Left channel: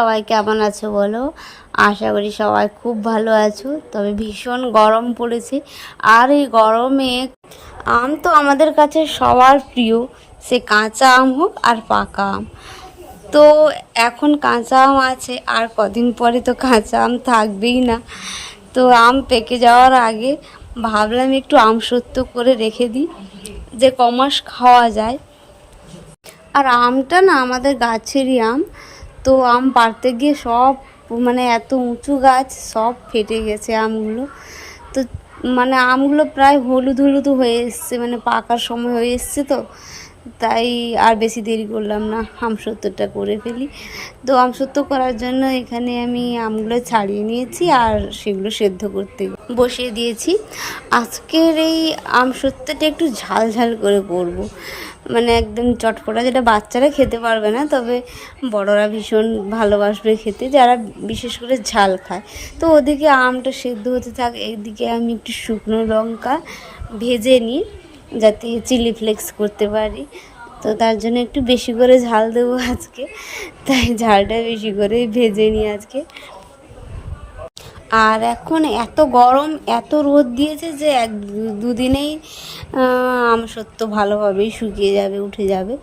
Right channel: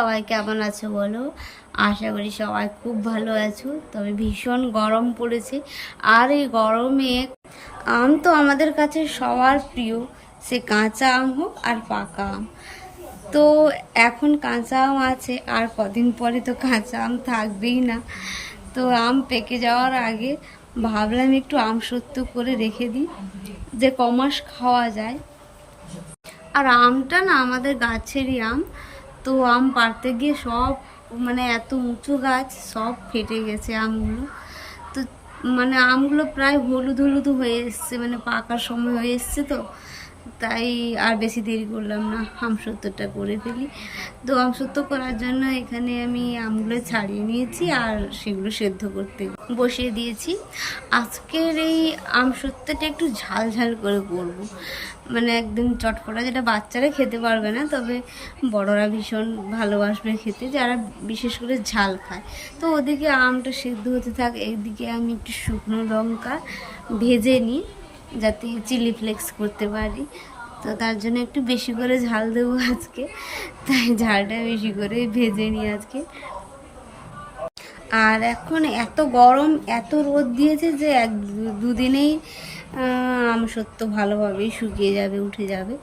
সবাই কেমন আছো বলো। আশা করি সবাই খুব ভালো আছো। তবে ভীষণ গরম পড়েছে, আর এই গরমে আম তো আমাদের কাছে সবার প্রিয়, সে কাঁচা আম হোক আর পাকা আম। তো এখন কাঁচা আম আছে, আর কদিন পরে তো কাঁচা আম থাকবেই না। তো আম পেকে যাওয়ার আগে ভাবলাম একটু আম সত্য করে রেখে দিই, যে কমাস খাওয়া যায়। আর আমটা না আমাদের গাছেরই আম। তো আম পাড়তে গিয়ে সব মানে এত উঁচু গাছ, সব ফেটে গেছে আমগুলো। তো মানে আমগুলো প্রায় হলুদ হলুদ হয়ে এসছে, মানে পাকার সময় হয়ে এসছে। তো তাই আর বেশি দেরি করলাম না, আমসত্ত্বটা করে ফেলি। তো আমসত্ত্ব করার জন্য এখানে আমি আমগুলো ছাড়িয়ে নিয়েছি আর সেগুলো সেদ্ধ করতে বসিয়ে দিয়েছি। আজকের এই আমসত্ত্বটা একটু ঝাল ঝাল করে করব, মানে একদম চটপটা, যেটা বাচ্চারা খেতে পারবে না, তবে বড়রা ভীষণ ভালোবাসবে খেতে, যারা বিশেষ করে ঝাল খায়। তো ওদিকে আমটা সেদ্ধ হতে থাক, এইদিকে আমি একটু শুকনো লঙ্কা ভেজে নিই যাতে চিলি ফ্লেক্স করতে পারি। তো তার জন্য একটু বেশি করে ঝাল দেবো আজকে, তাই ঝালটা বেশি করে ভেজে নিই আজকে। আর এখন এত গরম, এত রোদ দিয়েছে যে দুদিনেই আমসত্ত্ব ভালোভাবেই শুকিয়ে যাবে, উঠে যাবে।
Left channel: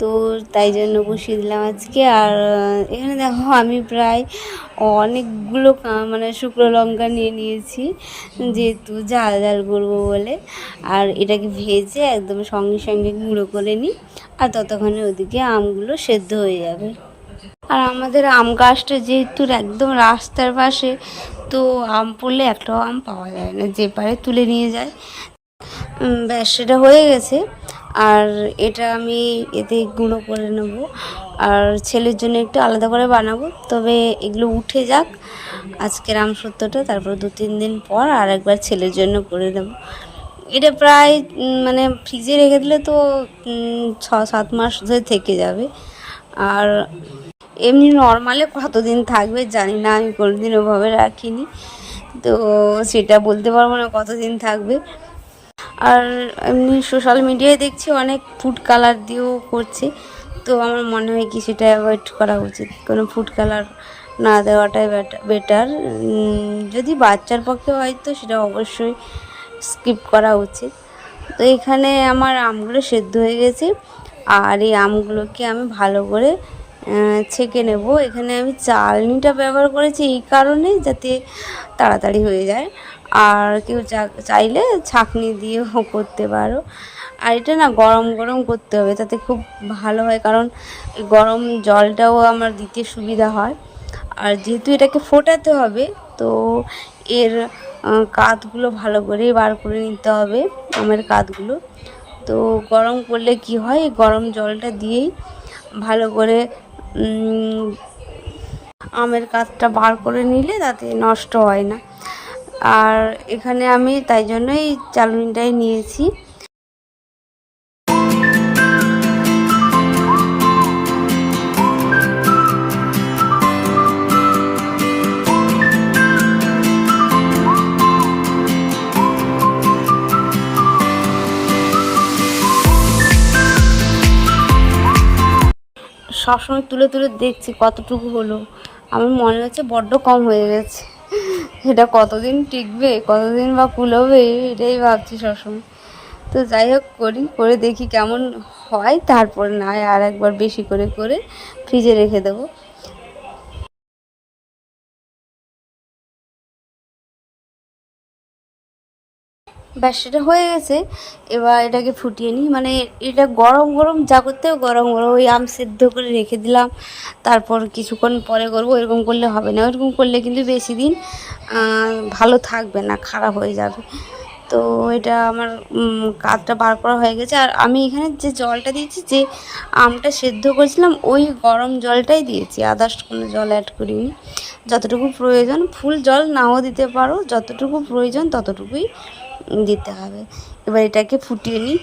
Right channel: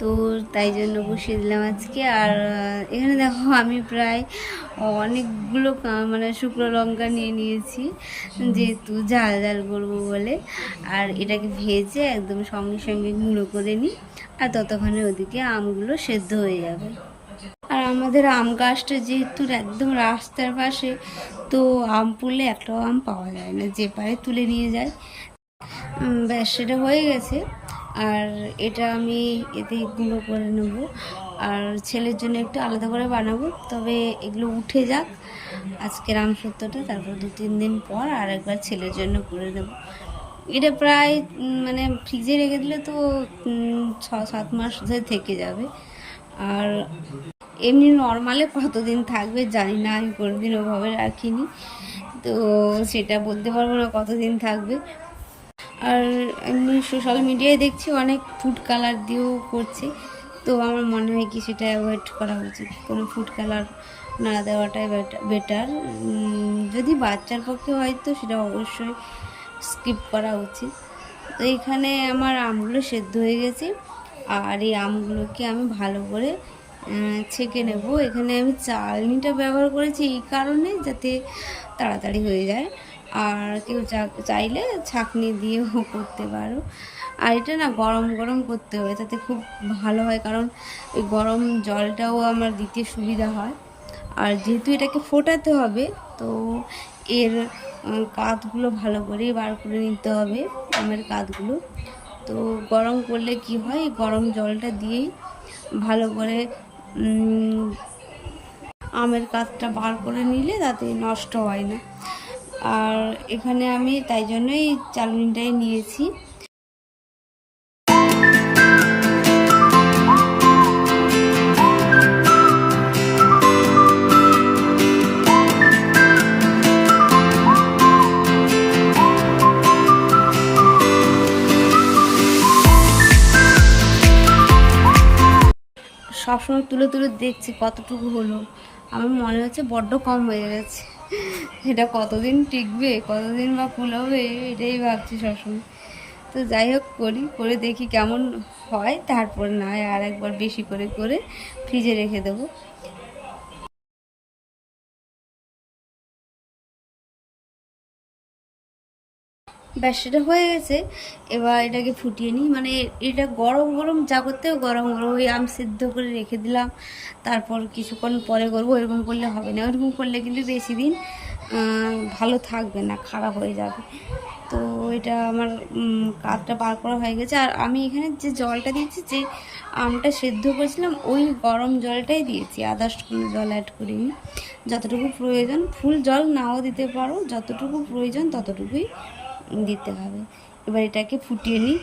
তো তাই জন্য বসিয়ে দিলাম আজকে। আর এখানে দেখো আমি প্রায় অনেকগুলো মানে শুকনো লঙ্কা নিয়ে নিয়েছি, যেহেতু ঝাল ঝাল করবো বলে। আর এটাকে ভেজে একদম সঙ্গে সঙ্গে গুঁড়ো করে নিই, আর ততক্ষণে ওদিকে আমগুলো সেদ্ধ হয়ে যাবে। আর আমাদের আম গাছটা যেহেতু একদম রাস্তার পাশে, তো আম পড়লে একটাও আম পাওয়া যায় না, যে পারে তুলে নিয়ে যায়। ব্যাস, সেটা হয়ে গেছে। আর এটা আমি এতে গুঁড়ো করে নেব, আর ছেলের জন্য একটু আলাদা করে বানাবো। তবে এগুলো উঠে যাক আজকের আমসত্ত্বটা, তারপর 2-3 দিন পর আর একবার ছেলের জন্য করে দেবো। এটা প্রায় মানে ফ্রিজে রেখে দিলে তো 6-7 মাস ধরে থেকে যাবে। আর এমনি নর্মালে কতদিন থাকবে জানি না, আমি কোনোদিন ওভাবে রাখিনি, তো সেটা বলতে পারবো না কতদিন থাকবে। আর এমনি সোশ্যাল মিডিয়ায় দেখছি অনেক ফুড কালার দিয়েও করছে, তো আমার মনে হয় কি সেটা অ্যাভয়েড করা উচিত, কোনো ফুড কালার না দেওয়াটাই বেটার। যদি বাচ্চার পক্ষে হয় তো সেটা অবশ্যই স্কিপ করা উচিত। তো এখানে আমার আমগুলো সেদ্ধ হয়ে গেছে, আর এই আমগুলোকে আমি ভালো করে ছেঁকে নেব। এখানে আমি চালনিটা ব্যবহার করেছি এই কারণে যাতে তাড়াতাড়ি হয়ে যায়, আর কেউ চাইলে ছাঁকনি দিয়েও করতে পারো। আর এটা না গরম গরম করতে হবে, তাতে খুব ভালো হয়, কারণ গরম জলটাও আমার দিতে সুবিধা হয়। আর যেহেতু এটাকে ফোটাতে হবে, তো এর কাতগুলো ভালো করে বার করে নিতে হবে, আমের কাতগুলো। তো গরম করলে কি হয়, গরম জলটা দিয়েই ভালো করে আমের কাতটা বার করে নিলে তাতে নষ্ট হয় না। আর এখানে আমি তাই জন্যই চালনিটাই নিয়েছি। সবসময় তুলে তুলে দেখছি কতটুকু হলো, আমার মনে হচ্ছে বড্ড কম হয়ে গেছে। এটা কতদিন টিকবে, কতদিন বা কুলোবে, এটাই ভাবছি সবসময়। তো যাই হোক, করে দেখি কেমন হয়, তারপর না হয় আর একবার বেশি করে করে ফ্রিজে রেখে দেবো। ব্যাস, সেটা হয়ে গেছে। এবার এটাকে ফুটিয়ে নিই, মানে এটা গরম গরম যা করতে হবে গরম গরম, ওই আম সিদ্ধ করে রেখে দিলাম, তারপর কিছুক্ষণ পরে করবো, এরকম করলে হবে না। এরকম করলে কিন্তু বেশি দিন ভালো থাকবে না, খারাপ হয়ে যাবে। তো এটা আমার কাতটা বার করা হয়ে গেছে। আর আমি এখানে যে জলটা দিয়েছি, যে আমটা সেদ্ধ করেছিলাম, ওই গরম জলটাই দিয়েছি, আদার্স কোনো জল অ্যাড করিনি। যতটুকু প্রয়োজন, ফুল জল নাও দিতে পারো, যতটুকু প্রয়োজন ততটুকুই দিতে হবে। এবার এটাকে ফুটিয়ে নিই।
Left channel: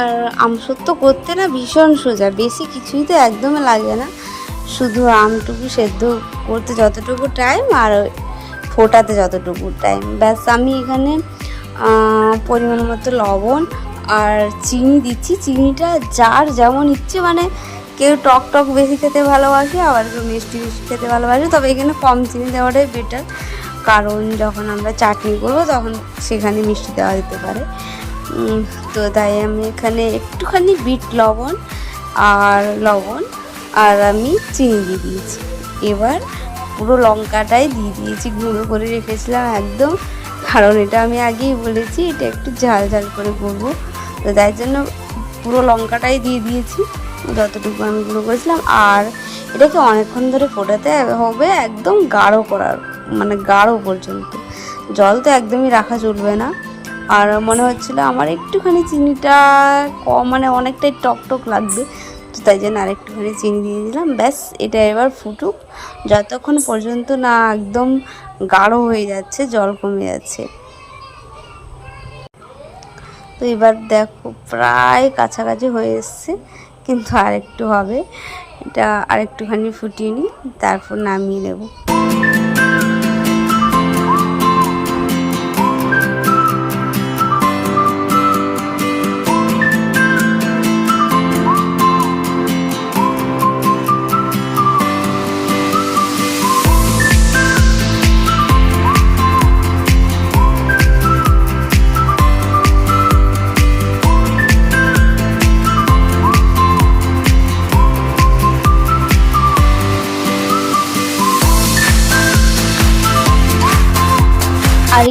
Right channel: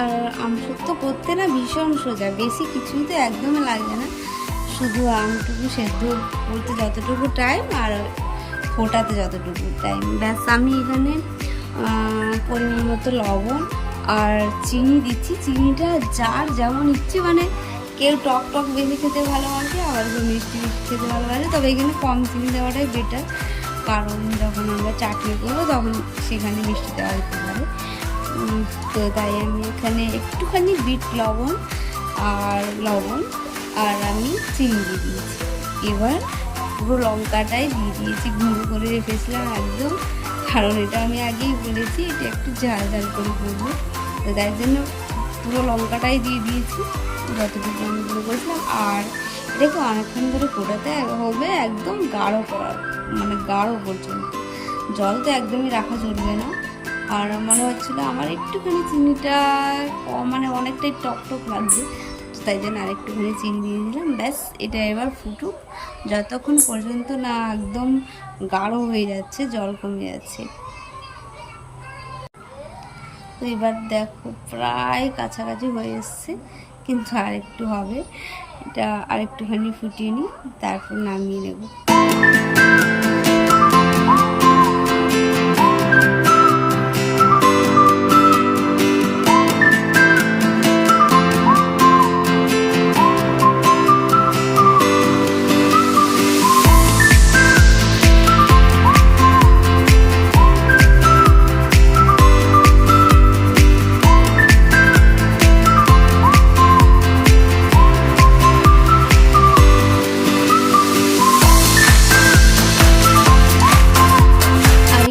আর আমসত্ত্ব করতে না ভীষণ সোজা, বেশি কিছুই তো একদমই লাগে না, শুধু আমটুকু সেদ্ধ করতে যতটুকু টাইম আর ফোটাতে যতটুকু টাইম, ব্যাস। আমি এখানে পরিমাণ মতো লবণ আর চিনি দিচ্ছি। চিনিটা যার যেমন ইচ্ছে, মানে কেউ টক টক বেশি খেতে ভালোবাসে, আবার কেউ মিষ্টি বেশি খেতে ভালোবাসে, তবে এখানে কম চিনি দেওয়াটাই বেটার, কারণ যখন আমরা চাটনি করবো তখন সেখানে মিষ্টি দেওয়া যেতে পারে। তো তাই আমি এখানে একটুখানি বিট লবণ আর আমি চিনি দিয়ে দিয়েছি। এবার পুরো লঙ্কাটাই দিয়ে দিয়েছি, গুঁড়ো করে রেখেছিলাম একদম, কারণ এটা আমি আগেই বলেছি এটা একটু ঝাল ঝাল করে করবো, তো তাই জন্য পুরো লঙ্কাটাই দিয়ে দিয়েছি যতটুকু আমি গুঁড়ো করেছিলাম। আর এটাকে অনেকক্ষণ ধরে ফোটাতে হবে, একদম গাঢ় করার, মানে গাঢ় পর্যন্ত। জল তো একদমই রাখা চলবে না। আর মনে হচ্ছিলো আমার একটুখানি চিনিটা কম, মানে অনেকটাই টক টক লাগবে, তো তাই জন্য আরেকটুখানি চিনি দিয়ে দিলাম। ব্যাস, এটা এবার ফুটুক যতক্ষণ পর্যন্ত না একদম গাঢ় হয়ে যাচ্ছে, জল কমে যাচ্ছে। তো এবার দেখো প্রায় কাছাকাছি হয়ে এসছে, কিন্তু আরেকটু হবে, এটা আরেকটুখানি ফুটিয়ে নিই, তারপর নামিয়ে নেব।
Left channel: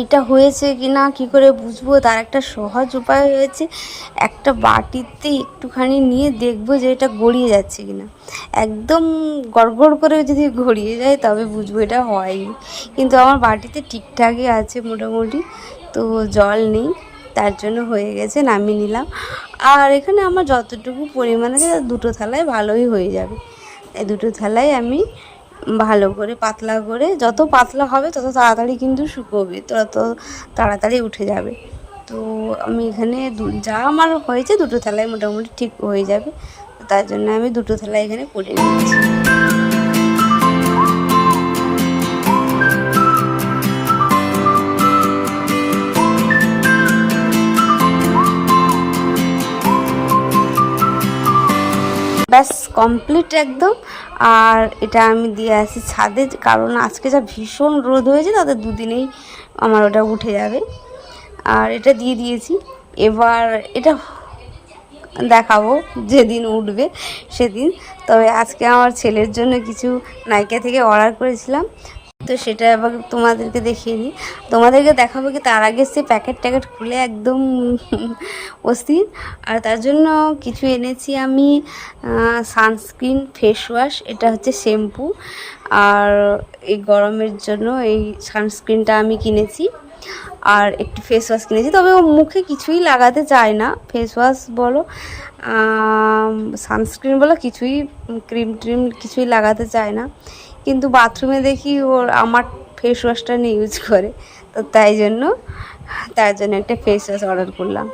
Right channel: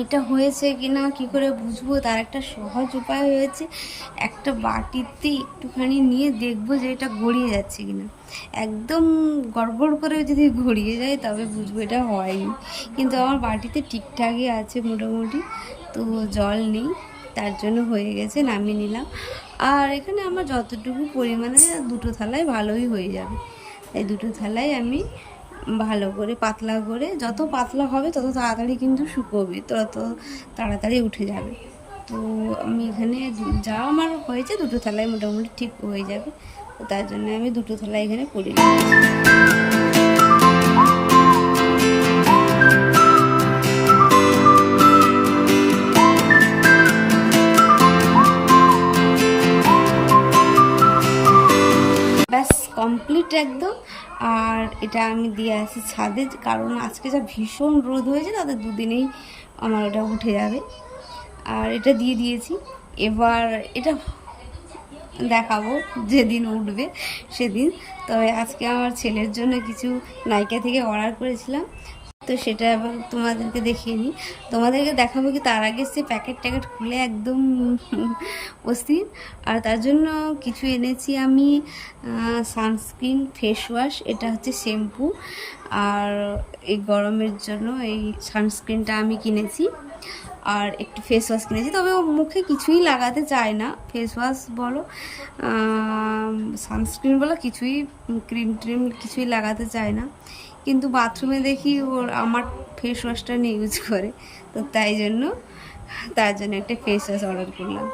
এটা হয়েছে কি না কী করে বুঝবো, তার একটা সহজ উপায় হয়েছে, একটা বাটিতে একটুখানি নিয়ে দেখবো যে এটা গড়িয়ে যাচ্ছে কি না। একদম গড়গড় করে যদি গড়িয়ে যায় তবে বুঝবো এটা হয়নি, কিন্তু আমার বাটিতে ঠিকঠাকই আছে মোটামুটি, তো জল নেই, তার জন্য হয়ে গেছে, নামিয়ে নিলাম। আর এখানে আমার যতটুকু পরিমাণে দুটো থালায় ভালোই হয়ে যাবে, এই দুটো থালায় আমি ভালো করে পাতলা করে, যত পাতলা হবে তত তাড়াতাড়ি কিন্তু শুকোবে, তত তাড়াতাড়ি উঠে যাবে। তো আমি এখানে যা আমার হয়েছে দুটো থালায় মোটামুটি ঠিক হয়ে যাবে, তার জন্য আমি দুটো থালায় এখানে করে নিচ্ছি। ব্যাস কমপ্লিট একদম। আর এটা আমি দিয়ে আসি ছাদে, কারণ আজকে যা ভীষণ রোদ হয়েছে তাতে দুদিনেই আমার ওটা উঠে যাবে। আর এটা দিয়ে দিয়েছি, এবার এটা দেখাবো যেদিন উঠবে সেদিন। তবে আজকে আমার ছেলের জন্য কিছু নাইকা থেকে অর্ডার করেছিলাম, তো সেটা এবার তোমাদেরকে দেখিয়ে নিই। তোমাদেরকে দেখাবো কি তার আগে সে প্যাকেট খুলে একদম অস্থির। আর তার জন্য কিছু এনেছি আমি, সানস্ক্রিন, ফেস ওয়াশ, এটা হচ্ছে শ্যাম্পু, আর এই গরমের জন্য এই সানস্ক্রিনটা আমি কিনেছি, আর একটি ফেস ওয়াশ কিনেছি। তবে ও মুখে কিছুই লাগাতে চায় না, ফেস ওয়াশ বলো সানস্ক্রিন বলো কিছুই, ক্রিম ট্রিম কিছুই লাগাতে চায় না, কিন্তু বাথরুমে দেখি ওর আমার ফেস ওয়াশটা নিয়ে ইউজ করে, তো তার জন্য একটা ফেস ওয়াশ অর্ডার করলাম।